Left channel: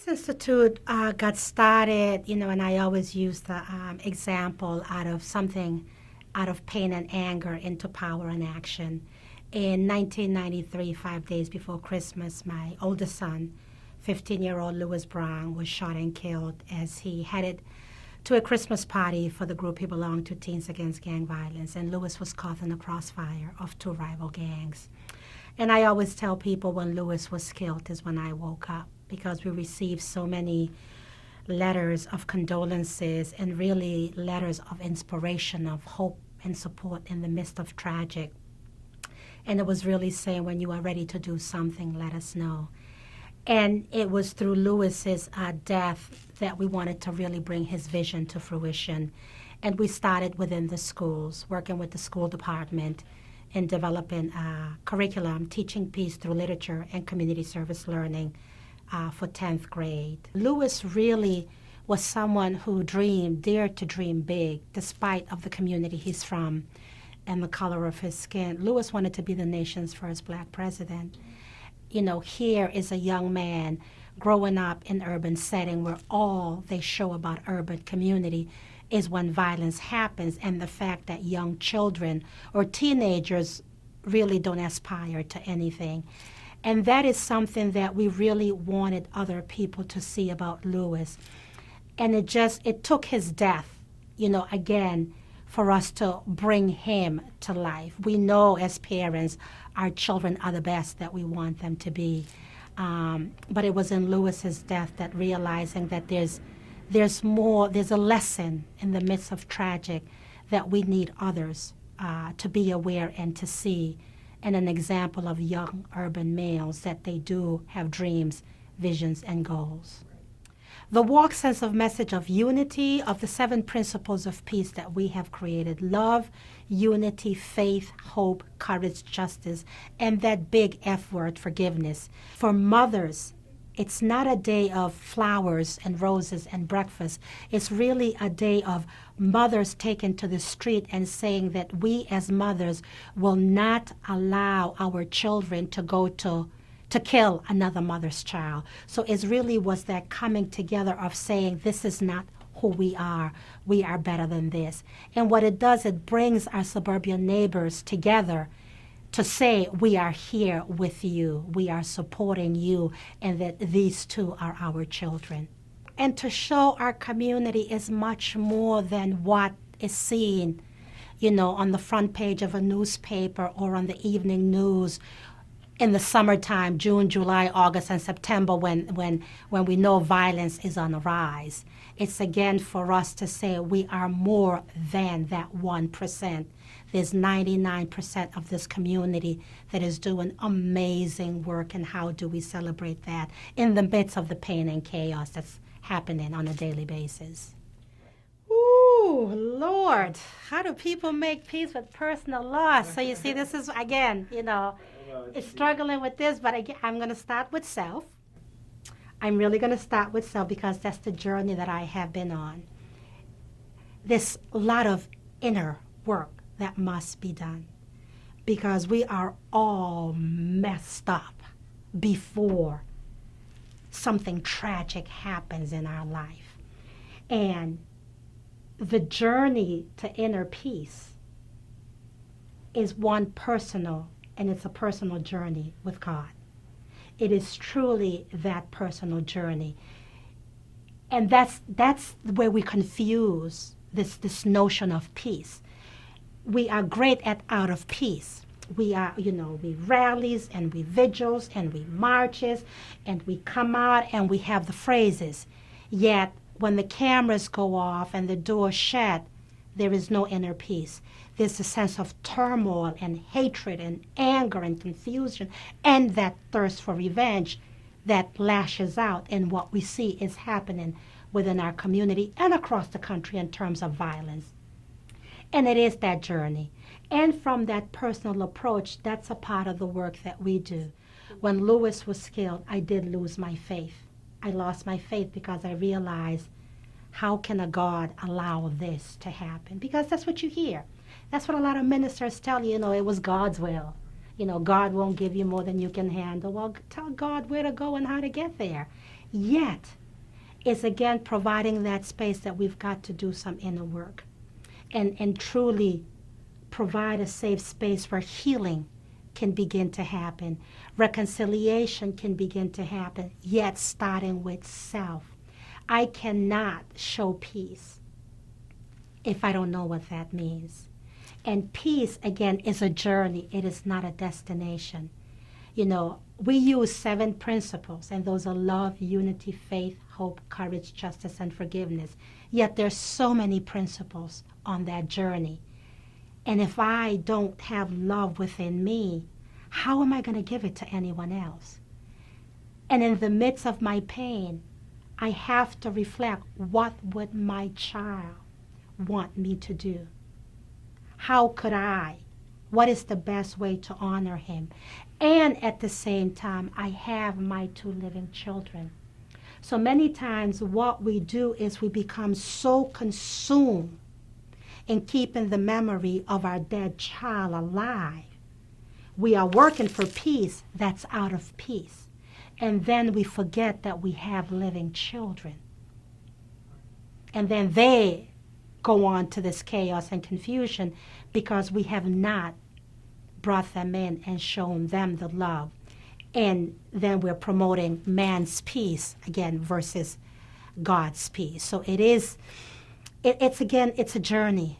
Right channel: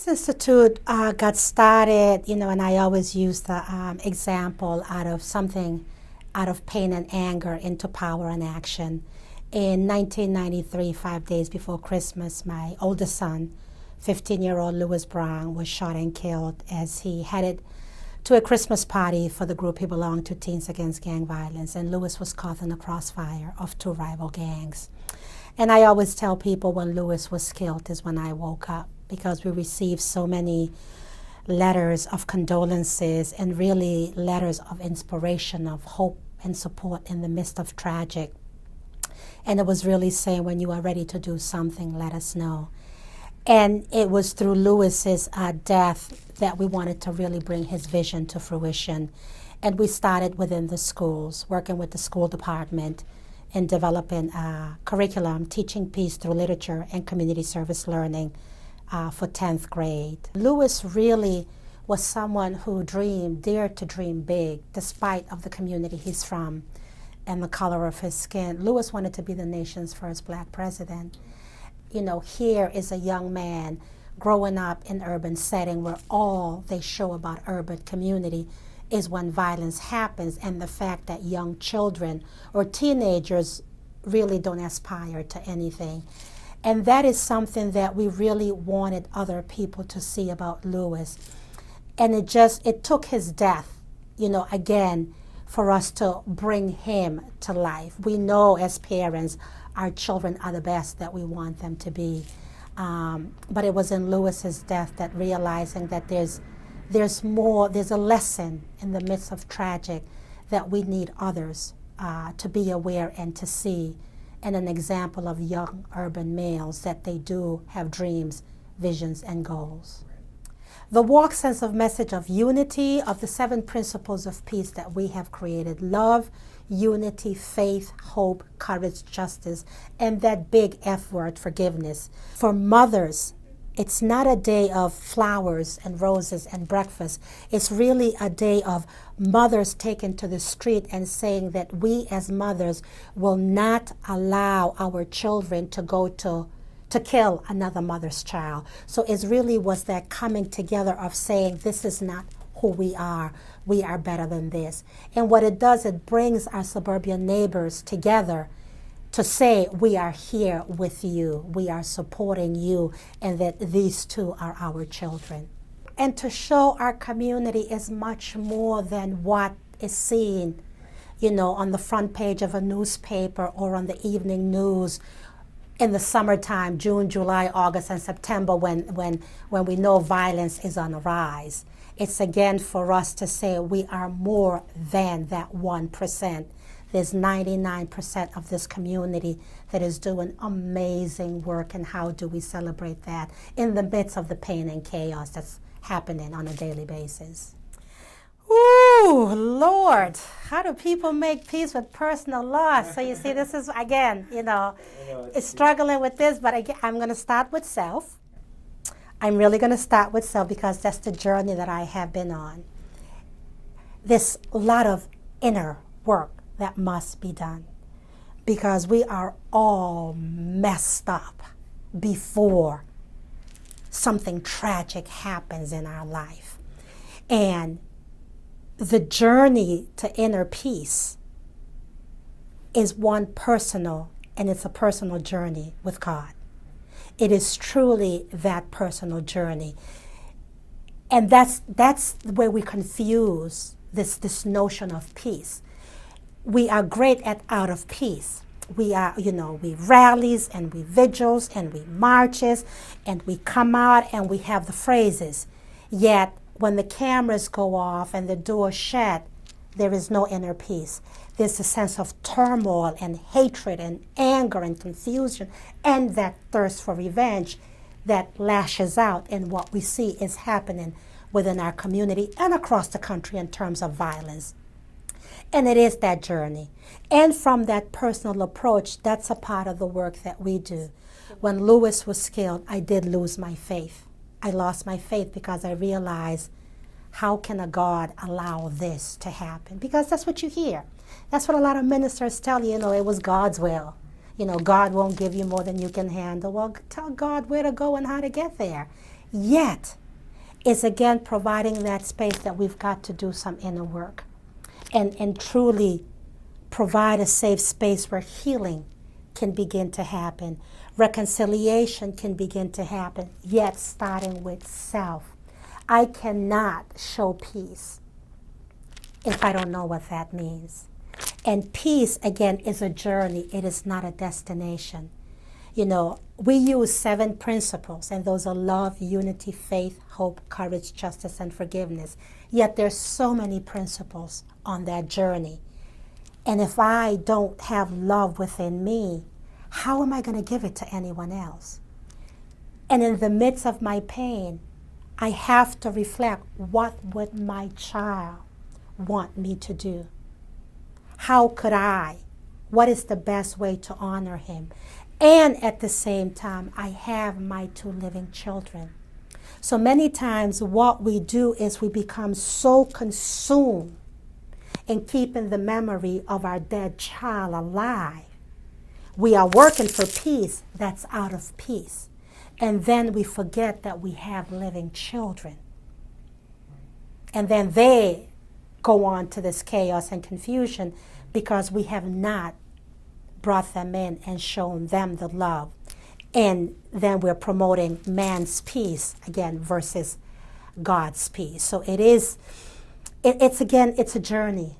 Peace Institute got started, and I always use the example out of pain and anger into power and action. In 1993, 5 days before Christmas, my oldest son, 15-year-old Louis Brown, was shot and killed as he headed to a Christmas party for the group he belonged to, Teens Against Gang Violence, and Louis was caught in the crossfire of two rival gangs. And I always tell people when Louis was killed is when I woke up, because we received so many letters of condolences and really letters of inspiration, of hope and support in the midst of tragic. And it was really saying, when you are ready to do something, let us know. And it was through Louis's death that we wanted to really bring his vision to fruition. And we started within the schools, working with the school department in developing a curriculum, teaching peace through literature and community service learning for 10th grade. Louis really was someone who dared to dream big, despite of the community he's from and the color of his skin. Louis wanted to be the nation's first black president. Here is a young man growing up in an urban setting where all they show about urban community is when violence happens, and the fact that young children or teenagers really don't aspire to anything. And that is something that we really wanted other people to see about Louis. And it took his death, again, for us to bring him to life. We know as parents, our children are the best that we want them to be. But it was in Louis's death that realizing that there's a lesson in the midst of tragic that we need others to be aware and to see, and an example of young urban males that they do have dreams, visions, and goals. The walk sends a message of unity, of the 7 principles of peace that we have created: love, unity, faith, hope, courage, justice, and that big F word, forgiveness. For mothers, it's not a day of flowers and roses and breakfast. It's really a day of mothers taken to the street and saying that we as mothers will not allow our children to go to kill another mother's child. So it really was that coming together of saying, this is not who we are. We are better than this. And what it does, it brings our suburban neighbors together to say, we are here with you, we are supporting you, and that these two are our children. And to show our community is much more than what is seen, on the front page of a newspaper or on the evening news in the summertime, June, July, August, and September, when we know violence is on the rise. It's again for us to say we are more than that 1%. There's 99% of this community that is doing amazing work, and how do we celebrate that in the midst of the pain and chaos that's happening on a daily basis? Ooh, Lord, how do people make peace with personal loss? So you see, this is, again, struggling with this, but again, I'm going to start with self. I'm really going to start with self because that's the journey that I have been on. There's a lot of inner work that must be done, because we are all messed up before something tragic happens in our life. And the journey to inner peace is one personal, and it's a personal journey with God. It is truly that personal journey. And that's where we confuse this notion of peace. We are great at out of peace. We are, we rallies and we vigils and we marches and we come out and we have the phrases. Yet when the cameras go off and the doors shut, there is no inner peace. There's a sense of turmoil and hatred and anger and confusion and that thirst for revenge that lashes out in what we see is happening within our community and across the country in terms of violence. And it is that journey. And from that personal approach, that's a part of the work that we do. When Louis was killed, I did lose my faith. I lost my faith because I realized, how can a God allow this to happen? Because that's what you hear. That's what a lot of ministers tell you, it was God's will. God won't give you more than you can handle. Well, tell God where to go and how to get there. Yet, it's again providing that space that we've got to do some inner work and truly provide a safe space where healing can begin to happen, reconciliation can begin to happen, yet starting with self. I cannot show peace if I don't know what that means. And peace, again, is a journey. It is not a destination. You know, we use 7 principles, and those are love, unity, faith, hope, courage, justice, and forgiveness. Yet there's so many principles on that journey. And if I don't have love within me, how am I going to give it to anyone else? And in the midst of my pain, I have to reflect, what would my child want me to do? How could I? What is the best way to honor him? And at the same time, I have my 2 living children. So many times what we do is we become so consumed in keeping the memory of our dead child alive. We are working for peace that's out of peace. And then we forget that we have living children. And then they go on to this chaos and confusion because we have not brought them in and shown them the love. And then we're promoting man's peace again versus God's peace. So it's a journey.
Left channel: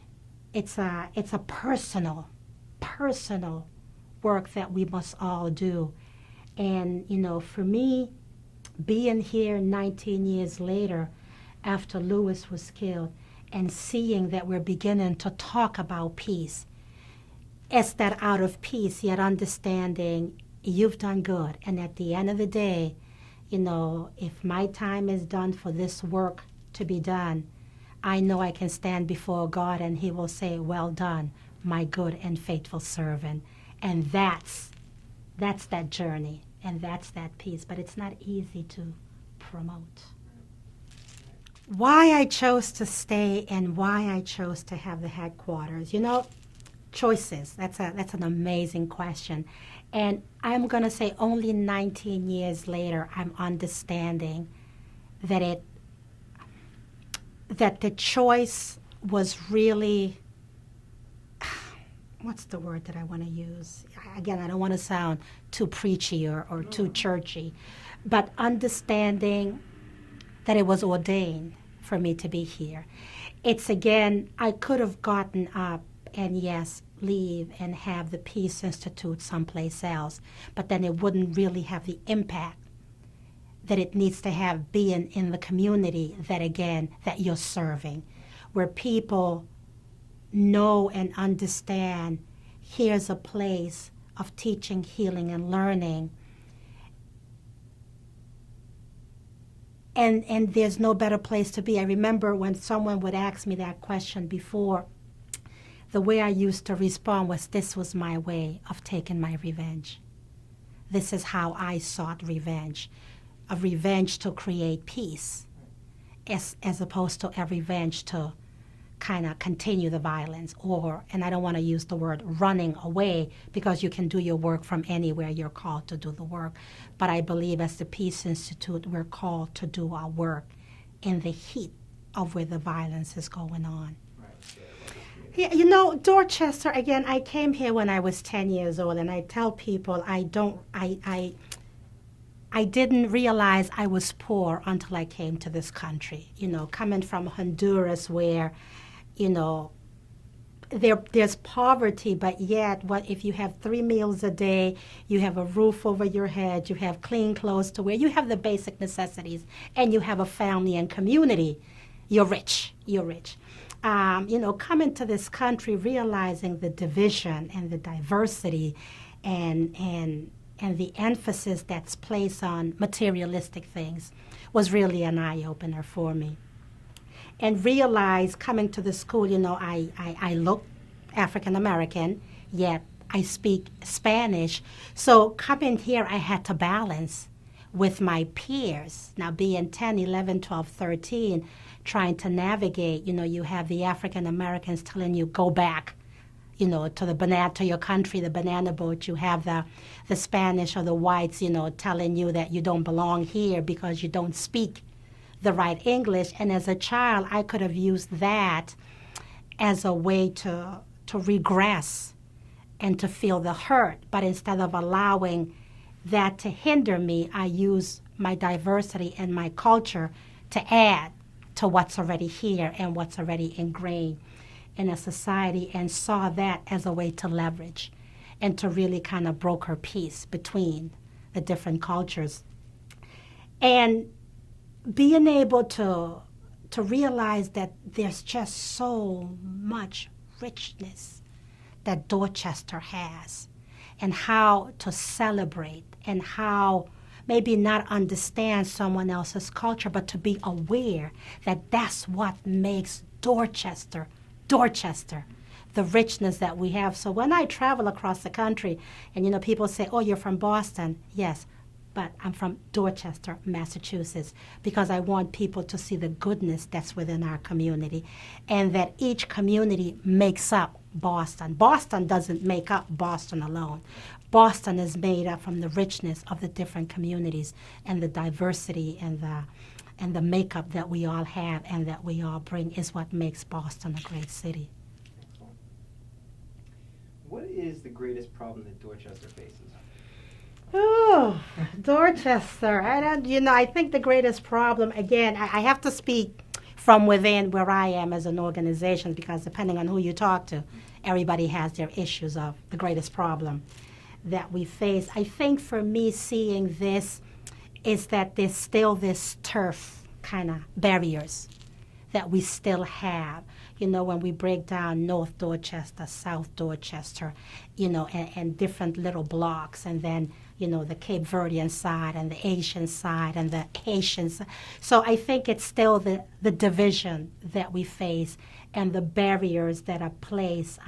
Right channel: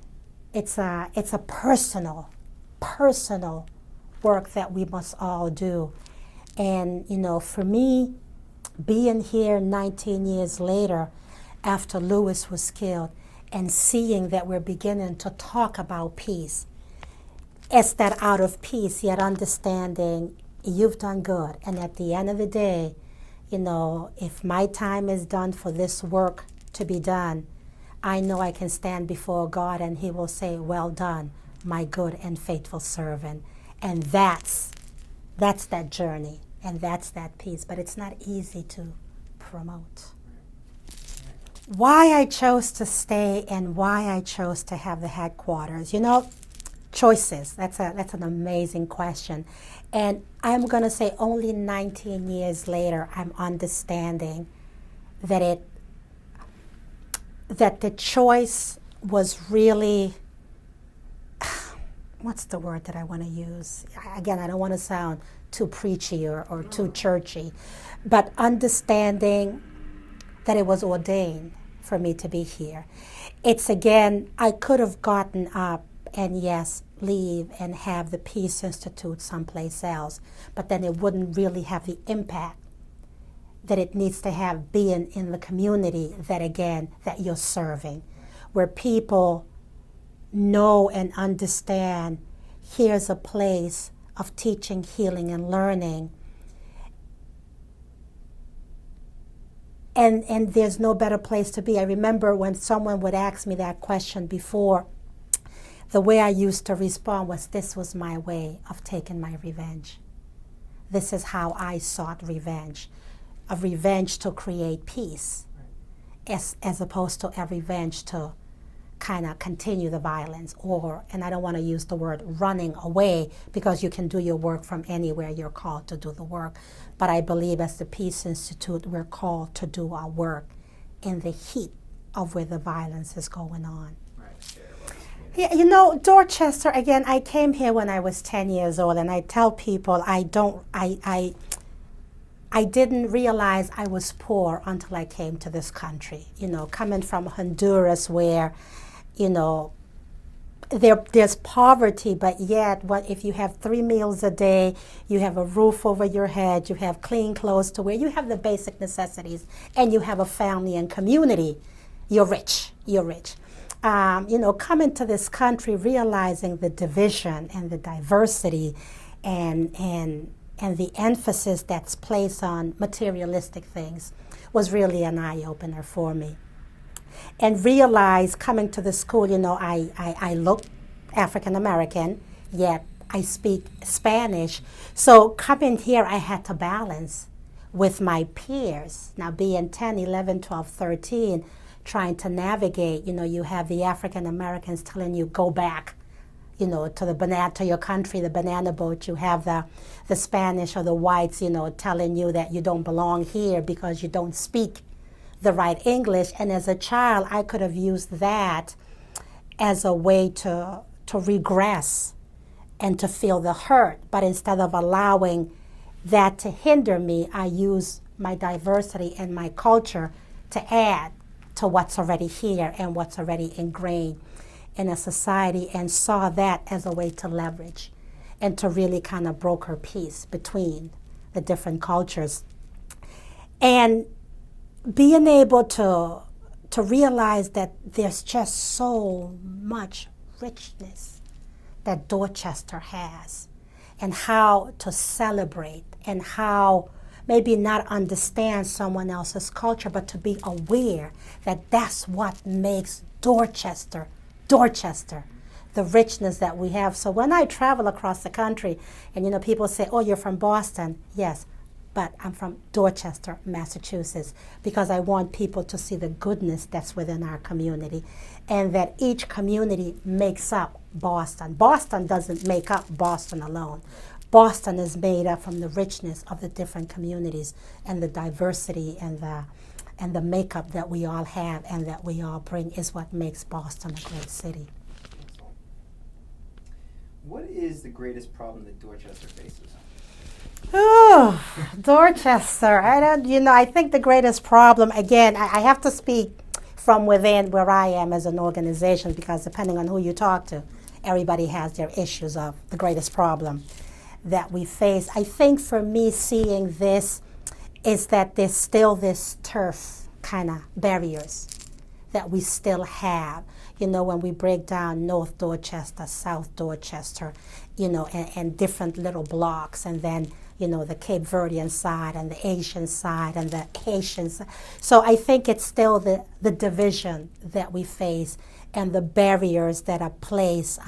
It's a personal work that we must all do. And, you know, for me, being here 19 years later after Lewis was killed and seeing that we're beginning to talk about peace, it's that out of peace, yet understanding you've done good. And at the end of the day, you know, if my time is done for this work to be done, I know I can stand before God and he will say, well done, my good and faithful servant. And that's that journey, and that's that peace. But it's not easy to promote. Why I chose to stay and why I chose to have the headquarters, you know, choices. That's an amazing question. And I'm going to say only 19 years later, I'm understanding that the choice was really, what's the word that I want to use? Again, I don't want to sound too preachy or too churchy, but understanding that it was ordained for me to be here. It's again, I could have gotten up and yes, leave and have the Peace Institute someplace else, but then it wouldn't really have the impact that it needs to have being in the community that you're serving, where people know and understand here's a place of teaching, healing, and learning. And there's no better place to be. I remember when someone would ask me that question before, the way I used to respond was, this was my way of taking my revenge. This is how I sought revenge. A revenge to create peace, as opposed to a revenge to kind of continue the violence, and I don't want to use the word running away, because you can do your work from anywhere you're called to do the work. But I believe as the Peace Institute, we're called to do our work in the heat of where the violence is going on. Yeah, you know, Dorchester, again, I came here when I was 10 years old, and I tell people I didn't realize I was poor until I came to this country. You know, coming from Honduras where, you know, there's poverty, but yet if you have 3 meals a day, you have a roof over your head, you have clean clothes to wear, you have the basic necessities, and you have a family and community, you're rich. You know, coming to this country, realizing the division and the diversity and the emphasis that's placed on materialistic things was really an eye-opener for me. And realize coming to the school, you know, I look African-American, yet I speak Spanish. So coming here, I had to balance with my peers. Now being 10, 11, 12, 13, trying to navigate, you know, you have the African-Americans telling you, go back, to the banana, to your country, the banana boat. You have the Spanish or the whites, telling you that you don't belong here because you don't speak the right English. And as a child, I could have used that as a way to regress and to feel the hurt. But instead of allowing that to hinder me, I use my diversity and my culture to add to what's already here and what's already ingrained in a society, and saw that as a way to leverage and to really kind of broker peace between the different cultures. And being able to realize that there's just so much richness that Dorchester has, and how to celebrate, and how maybe not understand someone else's culture, but to be aware that that's what makes Dorchester, the richness that we have. So when I travel across the country and, people say, oh, you're from Boston. Yes, but I'm from Dorchester, Massachusetts, because I want people to see the goodness that's within our community, and that each community makes up Boston. Boston doesn't make up Boston alone. Boston is made up from the richness of the different communities and the diversity and the makeup that we all have and that we all bring is what makes Boston a great city. What is the greatest problem that Dorchester faces? Oh, Dorchester. I think the greatest problem, again, I have to speak from within where I am as an organization, because depending on who you talk to, everybody has their issues of the greatest problem that we face. I think for me, seeing this is that there's still this turf kind of barriers that we still have. When we break down North Dorchester, South Dorchester, and different little blocks, and then, the Cape Verdean side and the Asian side and the Haitian side. So I think it's still the division that we face and the barriers that are placed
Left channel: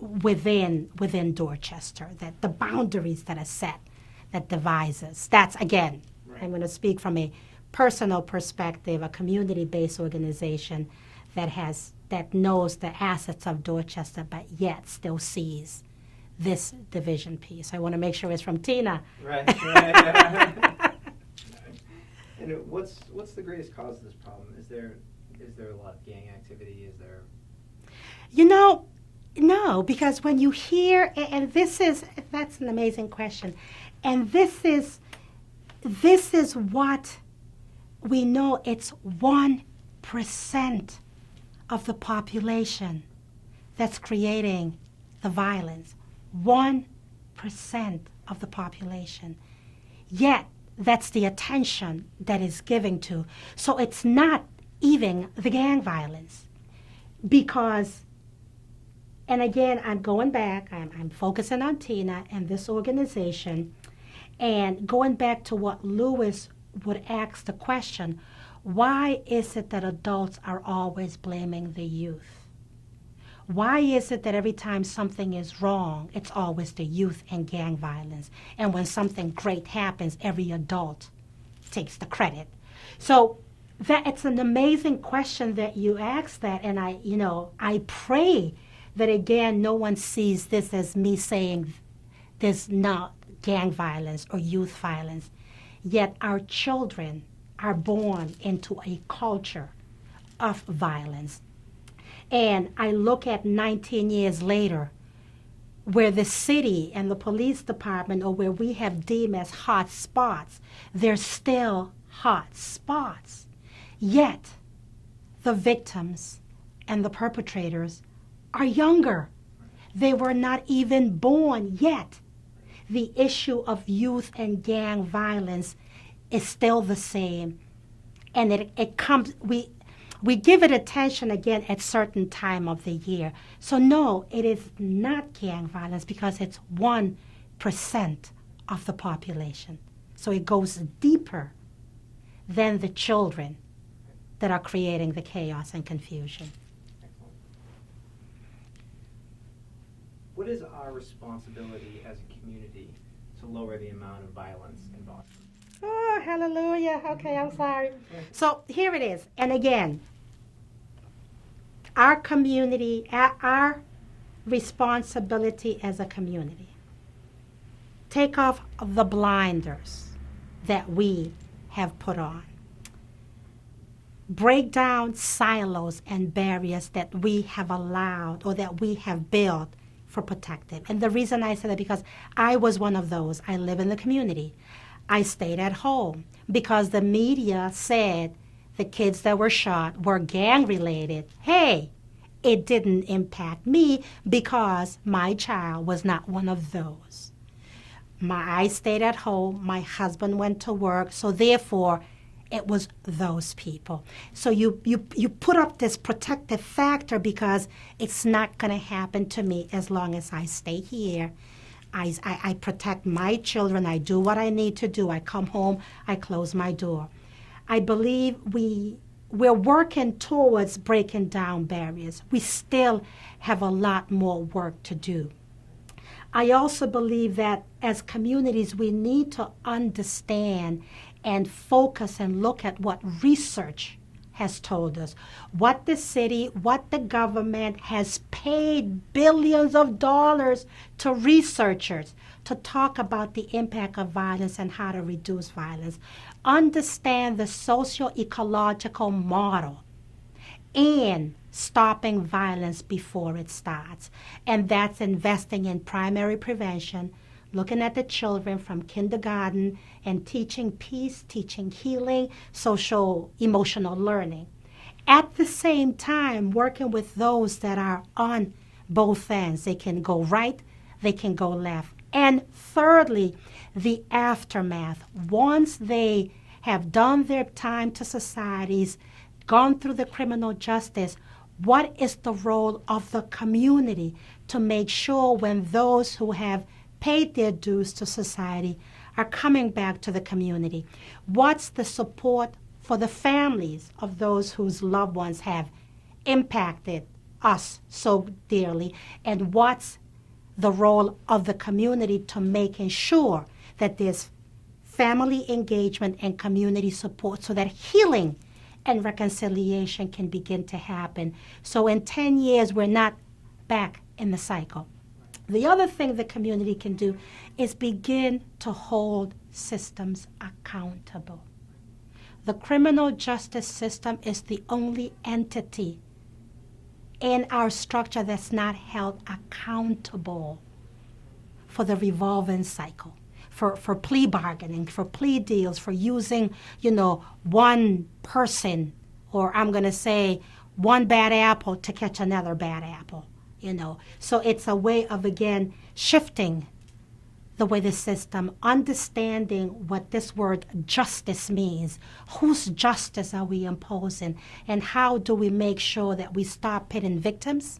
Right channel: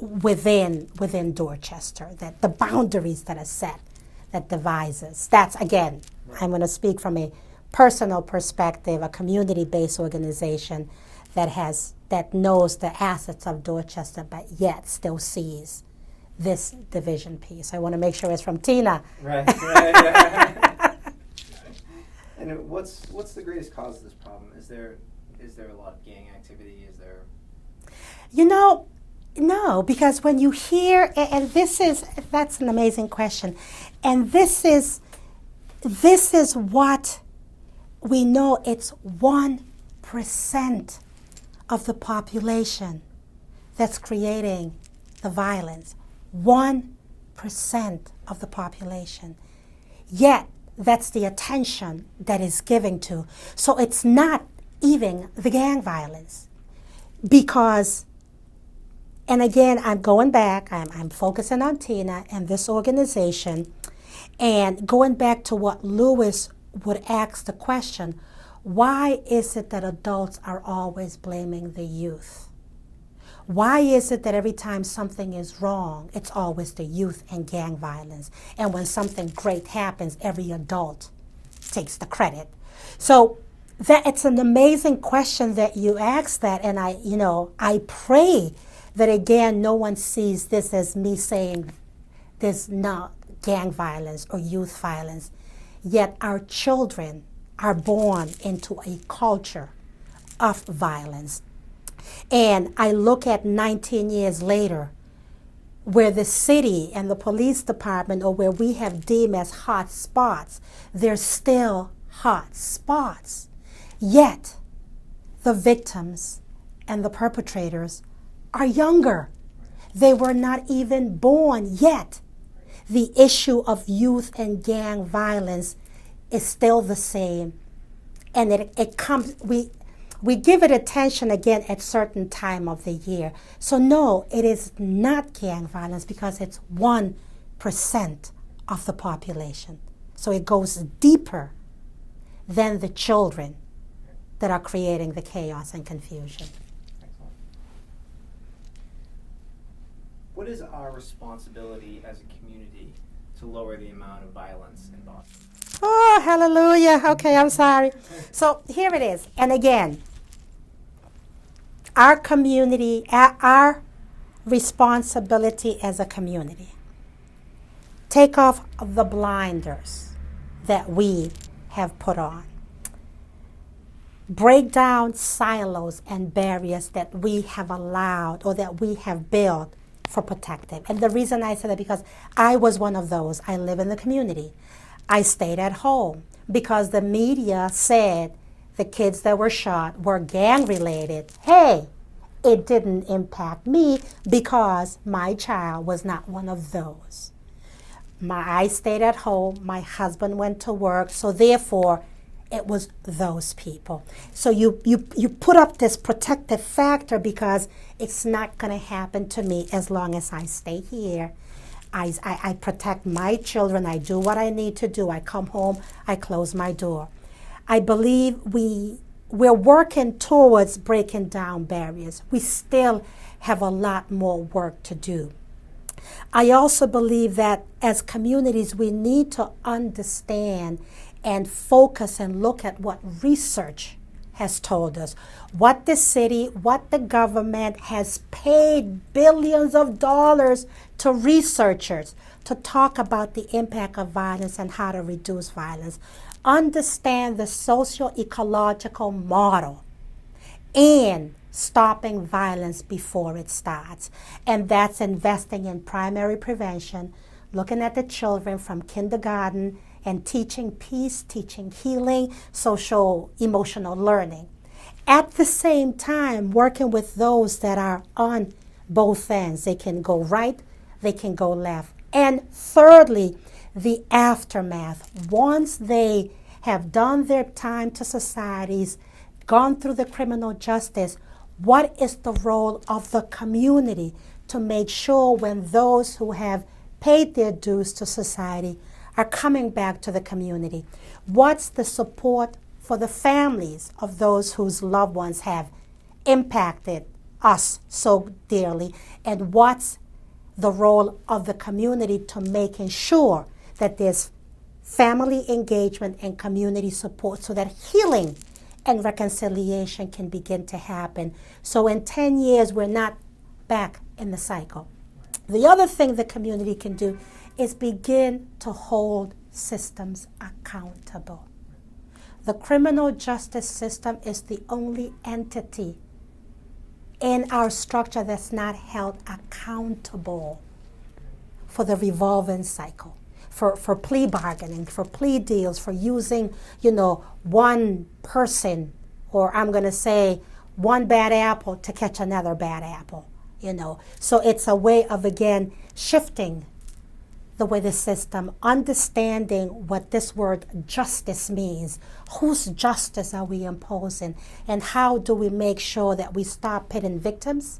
within Dorchester, that the boundaries that are set that divides us. That's, again, I'm going to speak from a personal perspective, a community-based organization that knows the assets of Dorchester, but yet still sees this division piece. I want to make sure it's from Tina. Right. And what's the greatest cause of this problem? Is there a lot of gang activity? Is there? No, because when you hear, and that's an amazing question, and this is what we know. It's 1% of the population that's creating the violence. 1% of the population. Yet, that's the attention that is given to. So it's not even the gang violence. Because, and again, I'm going back, I'm focusing on Tina and this organization, and going back to what Lewis would ask the question, why is it that adults are always blaming the youth? Why is it that every time something is wrong, it's always the youth and gang violence? And when something great happens, every adult takes the credit. So that it's an amazing question that you ask that, and I pray that again no one sees this as me saying there's not gang violence or youth violence. Yet our children are born into a culture of violence. And I look at 19 years later, where the city and the police department, or where we have deemed as hot spots, they're still hot spots. Yet the victims and the perpetrators are younger. They were not even born yet. The issue of youth and gang violence is still the same. And it comes, we give it attention again at certain time of the year. So no, it is not gang violence because it's 1% of the population. So it goes deeper than the children that are creating the chaos and confusion. Excellent. What is our responsibility as a community to lower the amount of violence in Boston? Oh, hallelujah. Okay, I'm sorry. So here it is. And again, our community, our responsibility as a community. Take off the blinders that we have put on. Break down silos and barriers that we have allowed or that we have built for protective. And the reason I say that because I was one of those. I live in the community. I stayed at home because the media said the kids that were shot were gang related. Hey, it didn't impact me because my child was not one of those. I stayed at home. My husband went to work. So therefore, it was those people. So you put up this protective factor because it's not going to happen to me as long as I stay here. I protect my children. I do what I need to do. I come home. I close my door. I believe we're working towards breaking down barriers. We still have a lot more work to do. I also believe that as communities, we need to understand and focus and look at what research has told us. What the city, what the government has paid billions of dollars to researchers to talk about the impact of violence and how to reduce violence. Understand the socio-ecological model and stopping violence before it starts. And that's investing in primary prevention, looking at the children from kindergarten and teaching peace, teaching healing, social emotional learning. At the same time, working with those that are on both ends. They can go right, they can go left. And thirdly, the aftermath. Once they have done their time to societies, gone through the criminal justice, what is the role of the community to make sure when those who have paid their dues to society are coming back to the community? What's the support for the families of those whose loved ones have impacted us so dearly? And what's the role of the community to making sure that there's family engagement and community support so that healing and reconciliation can begin to happen? So in 10 years, we're not back in the cycle. The other thing the community can do is begin to hold systems accountable. The criminal justice system is the only entity in our structure that's not held accountable for the revolving cycle, for plea bargaining, for plea deals, for using, one person, or I'm going to say one bad apple to catch another bad apple, So it's a way of, again, shifting the way the system, understanding what this word justice means. Whose justice are we imposing? And how do we make sure that we stop pitting victims,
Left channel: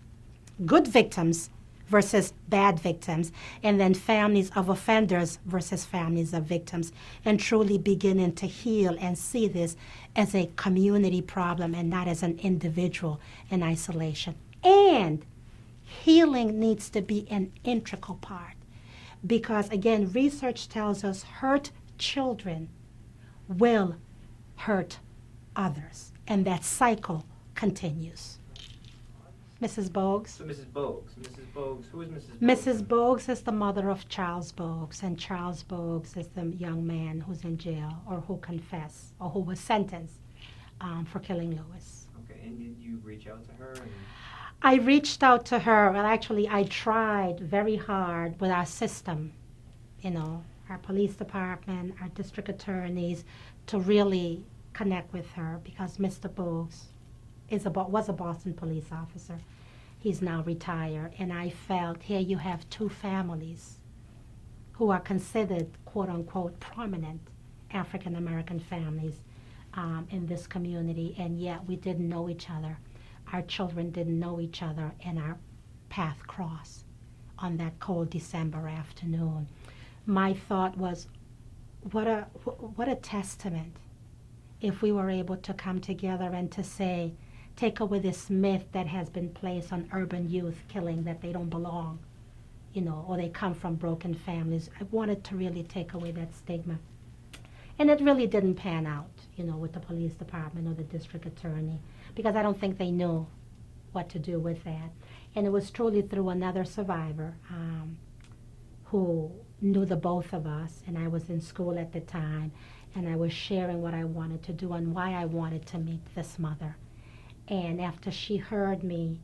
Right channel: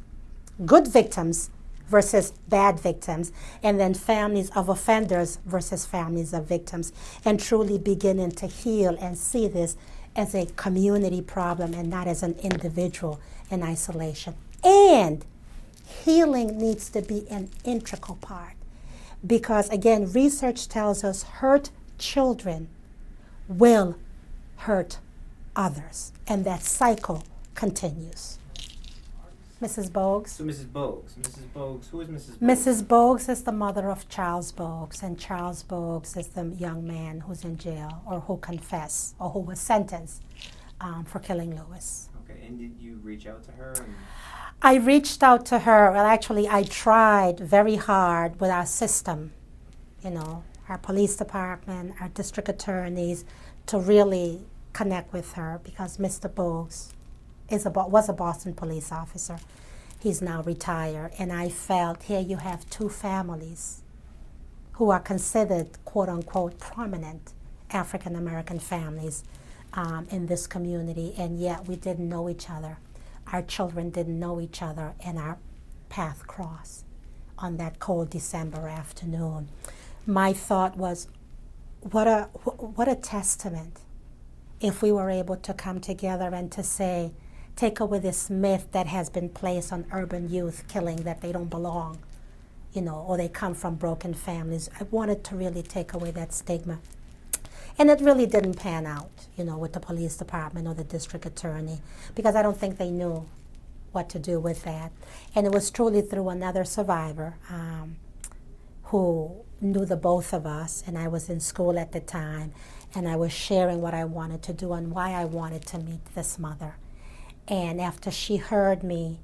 good victims versus bad victims, and then families of offenders versus families of victims, and truly beginning to heal and see this as a community problem and not as an individual in isolation. And healing needs to be an integral part. Because, again, research tells us hurt children will hurt others. And that cycle continues. Mrs. Bogues? So Mrs. Bogues. Mrs. Bogues, who is Mrs. Bogues? Mrs. Bogues is the mother of Charles Bogues. And Charles Bogues is the young man who's in jail or who confessed or who was sentenced for killing Lewis. Okay, and did you reach out to her? I reached out to her. Well, actually, I tried very hard with our system, our police department, our district attorneys, to really connect with her because Mr. Bogues was a Boston police officer. He's now retired. And I felt here you have two families who are considered, quote unquote, prominent African American families in this community, and yet we didn't know each other. Our children didn't know each other, and our path crossed on that cold December afternoon. My thought was, what a testament if we were able to come together and to say, take away this myth that has been placed on urban youth killing, that they don't belong, or they come from broken families. I wanted to really take away that stigma. And it really didn't pan out, with the police department or the district attorney, because I don't think they knew what to do with that. And it was truly through another survivor who knew the both of us, and I was in school at the time, and I was sharing what I wanted to do and why I wanted to meet this mother. And after she heard me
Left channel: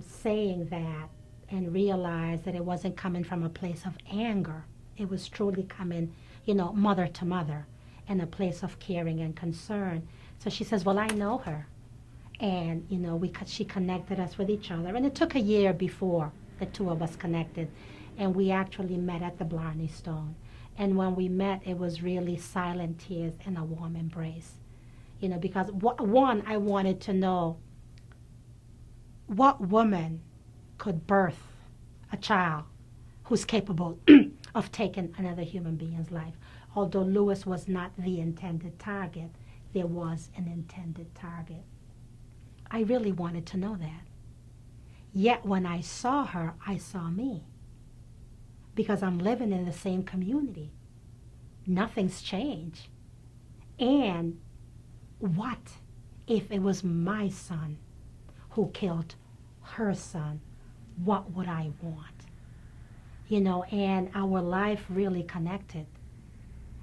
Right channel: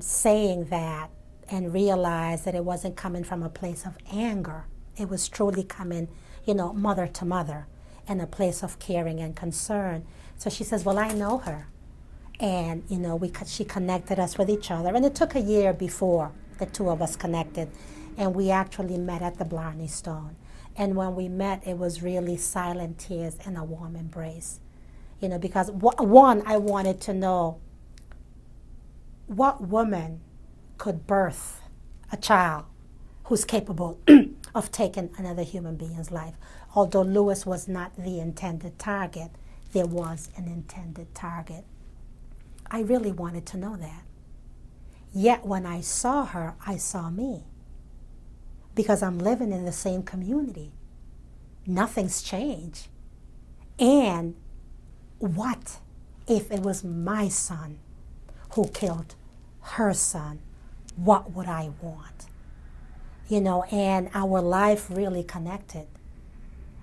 saying that and realized that it wasn't coming from a place of anger, it was truly coming, mother to mother, in a place of caring and concern. So she says, well, I know her. And, she connected us with each other. And it took a year before the two of us connected. And we actually met at the Blarney Stone. And when we met, it was really silent tears and a warm embrace. Because one, I wanted to know what woman could birth a child who's capable of taking another human being's life. Although Lewis was not the intended target, there was an intended target. I really wanted to know that. Yet when I saw her, I saw me. Because I'm living in the same community. Nothing's changed. And what if it was my son who killed her son? What would I want? And our life really connected,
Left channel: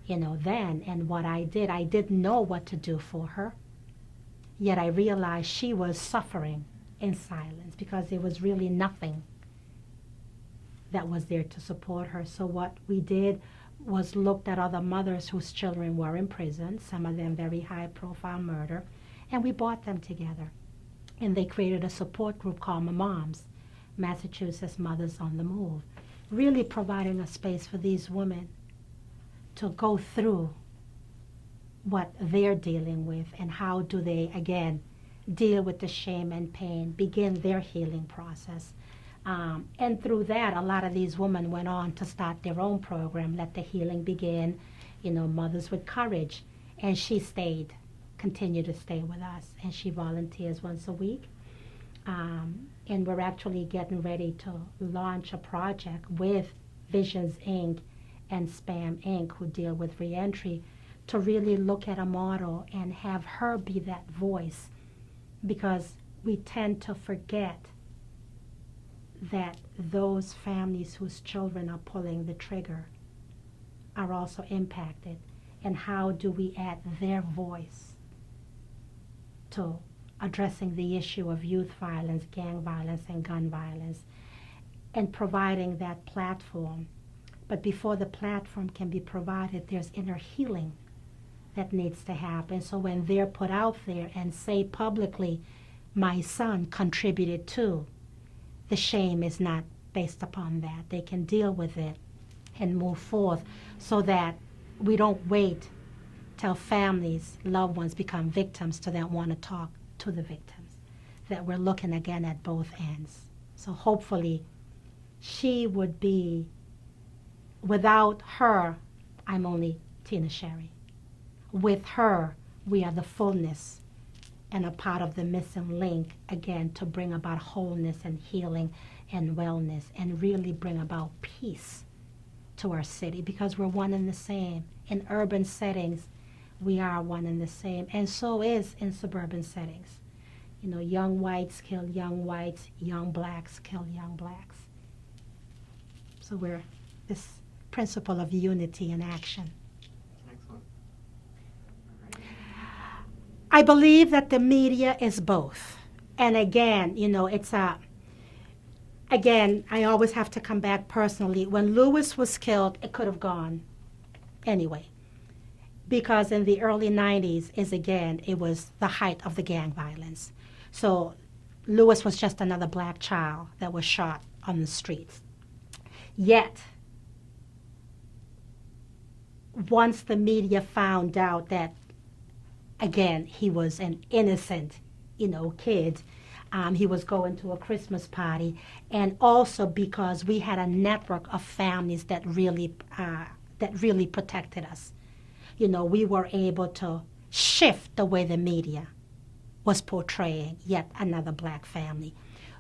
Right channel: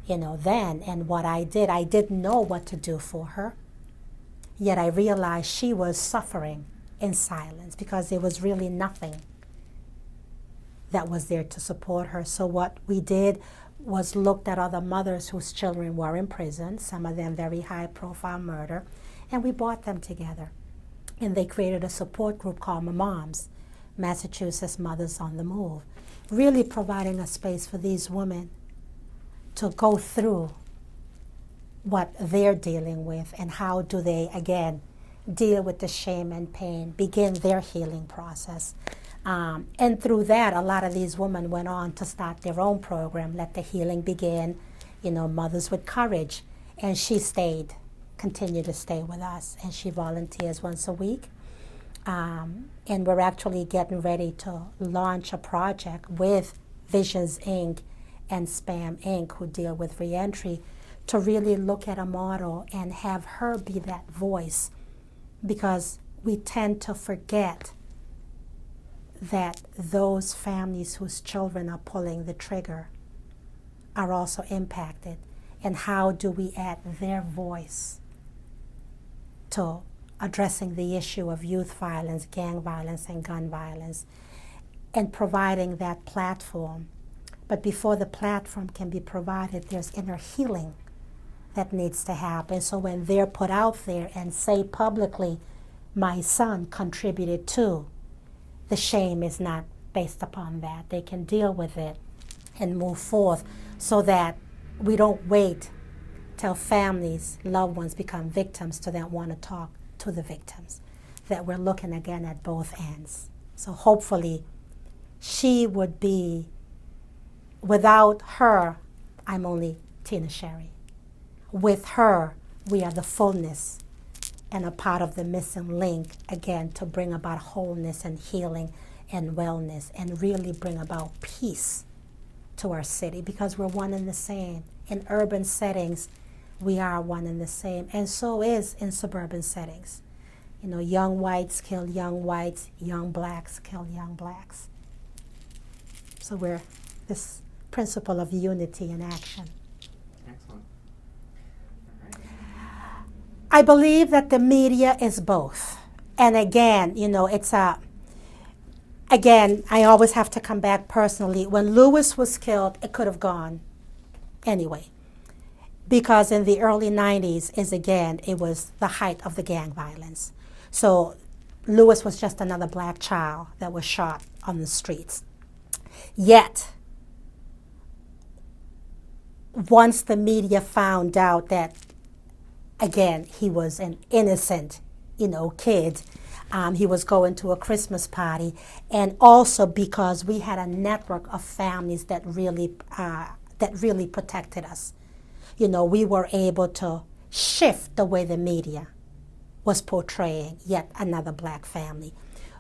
then. And what I didn't know what to do for her. Yet I realized she was suffering in silence because there was really nothing that was there to support her. So what we did was looked at other mothers whose children were in prison, some of them very high-profile murder, and we brought them together. And they created a support group called Moms, Massachusetts Mothers on the Move, really providing a space for these women to go through what they're dealing with and how do they, again, deal with the shame and pain, begin their healing process. And through that, a lot of these women went on to start their own program, Let the Healing Begin, Mothers with Courage. And she continued to stay with us, and she volunteers once a week. And we're actually getting ready to launch a project with Visions Inc. and Spam Inc., who deal with reentry, to really look at a model and have her be that voice, because we tend to forget that those families whose children are pulling the trigger are also impacted. And how do we add their voice to addressing the issue of youth violence, gang violence, and gun violence, and providing that platform. But before the platform can be provided, there's inner healing that needs to happen. So when they're put out there and say publicly, my son contributed to, the shame is not based upon that. They can deal with it and move forth, so that we don't wait till families, loved ones become victims to then want to talk to the victims, that we're looking again at both ends. So hopefully she would be, without her, I'm only Tina Chery. With her, we are the fullness and a part of the missing link, again, to bring about wholeness and healing and wellness, and really bring about peace to our city, because we're one and the same. In urban settings, we are one and the same, and so is in suburban settings. Young whites kill young whites, young blacks kill young blacks. So we're this principle of unity in action. Excellent. All right. I believe that the media is both. And again, again, I always have to come back personally. When Lewis was killed, it could have gone anyway. Because in the early 90s, it was the height of the gang violence. So Lewis was just another black child that was shot on the streets. Yet, once the media found out that, again, he was an innocent, kid, he was going to a Christmas party, and also because we had a network of families that really protected us. We were able to shift the way the media was portraying yet another black family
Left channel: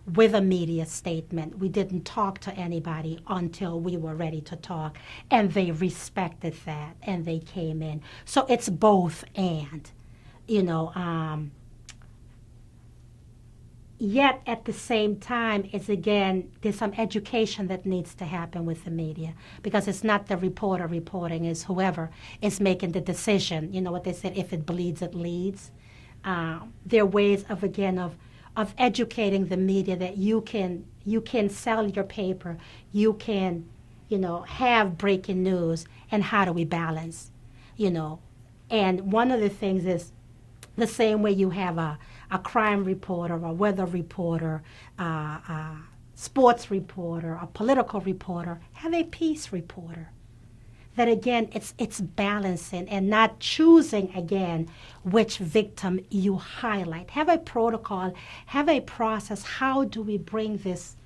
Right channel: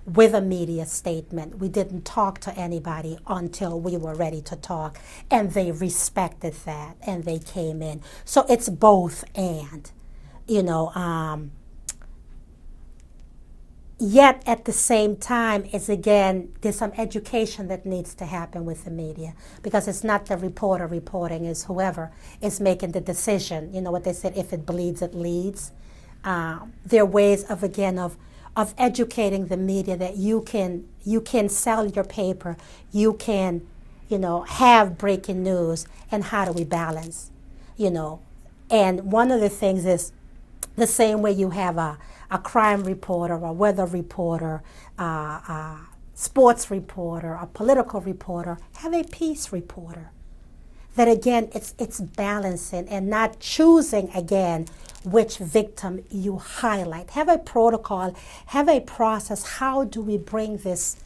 with a media statement. We didn't talk to anybody until we were ready to talk, and they respected that, and they came in. So it's both and, Yet at the same time, it's again, there's some education that needs to happen with the media because it's not the reporter reporting, it's whoever is making the decision. You know what they said, if it bleeds, it leads. There are ways of, again, of educating the media that you can sell your paper, you can, have breaking news, and how do we balance, you know. And one of the things is the same way you have a crime reporter, a weather reporter, a sports reporter, a political reporter, have a peace reporter. That again, it's balancing and not choosing again which victim you highlight. Have a protocol, have a process. How do we bring this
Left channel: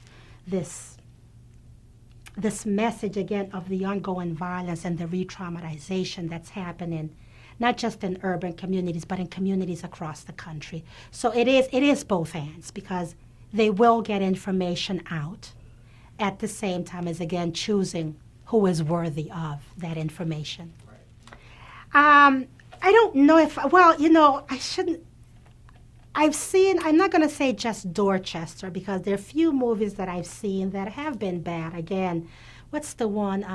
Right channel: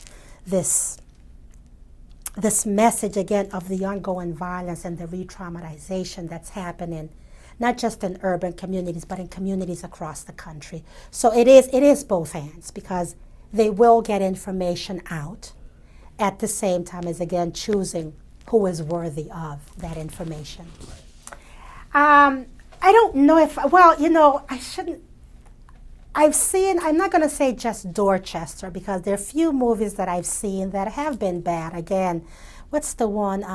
this message again of the ongoing violence and the re-traumatization that's happening, not just in urban communities, but in communities across the country. So it is both ends because they will get information out at the same time as again choosing who is worthy of that information. I don't know if, well, I shouldn't. I've seen, I'm not going to say just Dorchester because there are few movies that I've seen that have been bad. Again, what's the one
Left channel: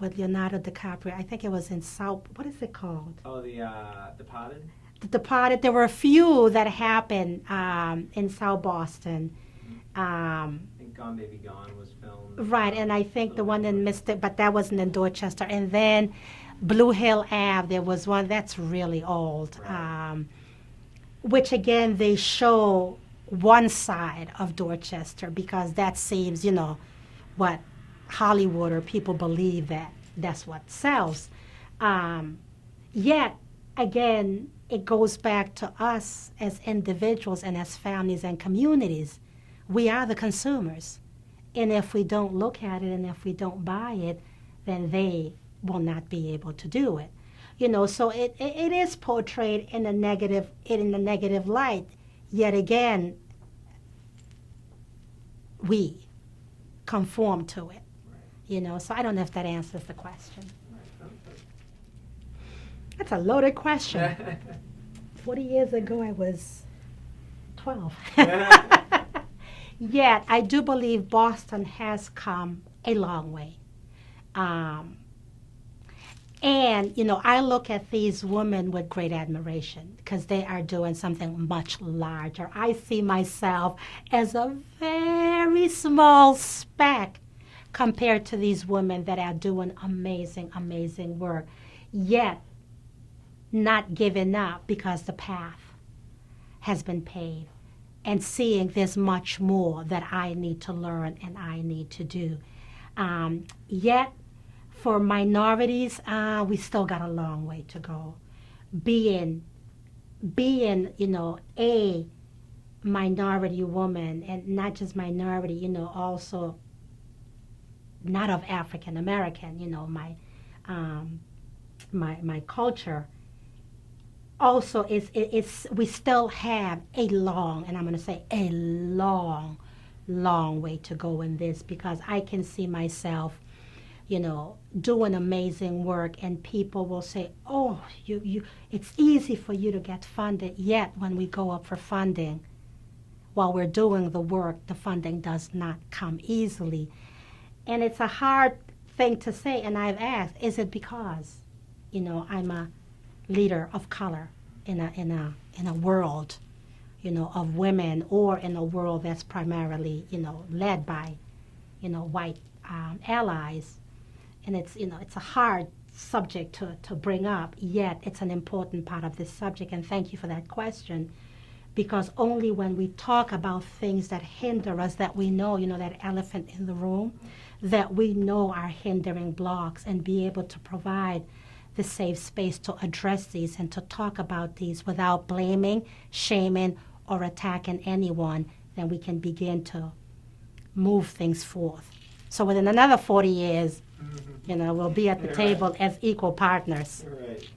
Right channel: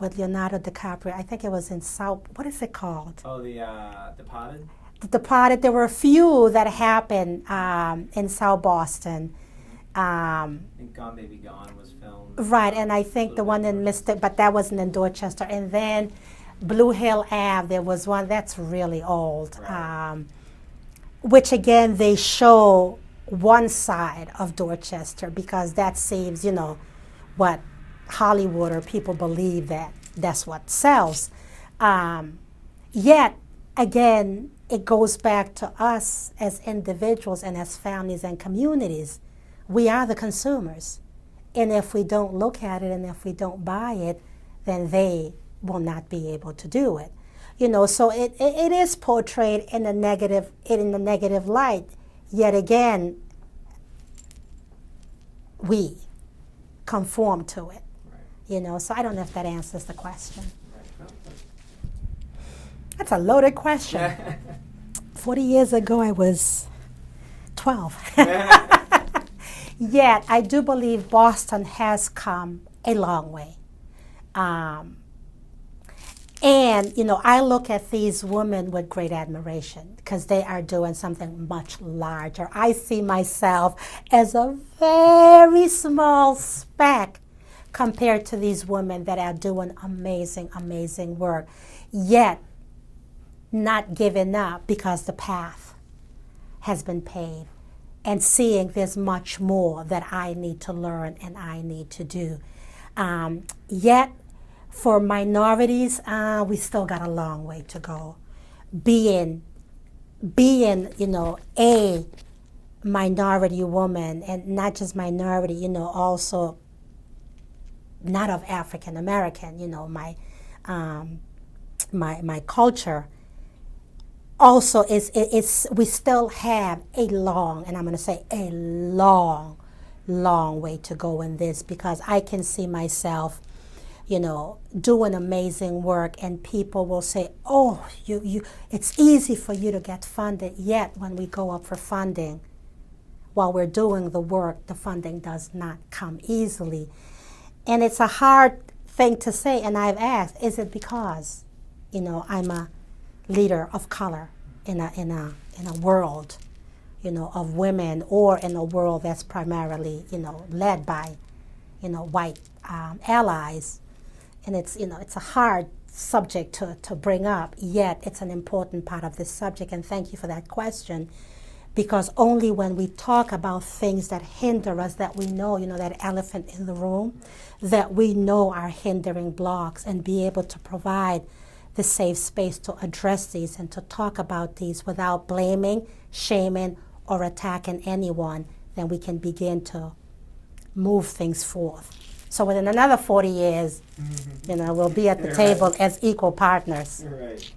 with Leonardo DiCaprio? I think it was in South, what is it called? Oh, the Departed? The Departed. There were a few that happened in South Boston. I think Gone Baby Gone was filmed. Right, and I think the one in Mystic, but that wasn't in Dorchester. And then Blue Hill Ave, there was one that's really old. Right. Which again they show one side of Dorchester because that seems, what Hollywood or people believe that that's what sells. Yet again, it goes back to us as individuals and as families and communities. We are the consumers. And if we don't look at it and if we don't buy it, then they will not be able to do it. So it is portrayed in a negative light. Yet again, we conform to it. Right. So I don't know if that answers the question. Right. No, That's a loaded question. 40 years ago, I was 12. Yet I do believe Boston has come a long way. And, I look at these women with great admiration because they are doing something much larger. I see myself as a very small speck compared to these women that are doing amazing, amazing work, yet not giving up because the path has been paved and seeing there's much more that I need to learn and I need to do. Yet, for minorities, we still got a long way to go. Being, a minority woman, and not just minority, also not of African American, my culture. Also, it's we still have a long, and I'm going to say a long, long way to go in this because I can see myself doing amazing work, and people will say, "Oh, it's easy for you to get funded." Yet, when we go up for funding, while we're doing the work, the funding does not come easily, and it's a hard thing to say. And I've asked, "Is it because, I'm a leader of color in a world, of women, or in a world that's primarily, led by, white allies?" And it's a hard subject to bring up, yet it's an important part of this subject. And thank you for that question, because only when we talk about things that hinder us, that we know, that elephant in the room, that we know are hindering blocks, and be able to provide the safe space to address these and to talk about these without blaming, shaming, or attacking anyone, then we can begin to move things forth. So within another 40 years, we'll be at the table as equal partners. Right.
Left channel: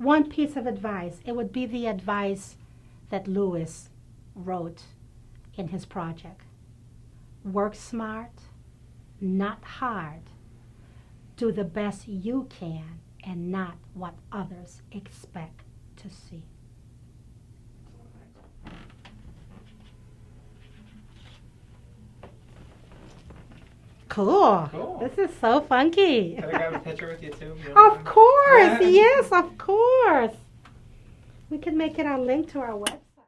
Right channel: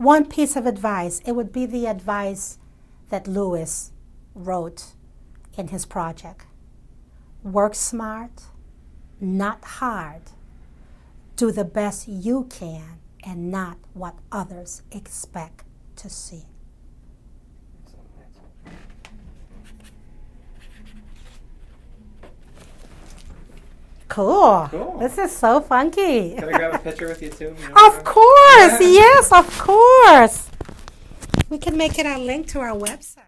one piece of advice, it would be the advice that Lewis wrote in his project. Work smart, not hard. Do the best you can and not what others expect to see. Cool. Cool. This is so funky. Gotta grab a picture with you too. Of course. Yes, of course. We can make it a link to our website.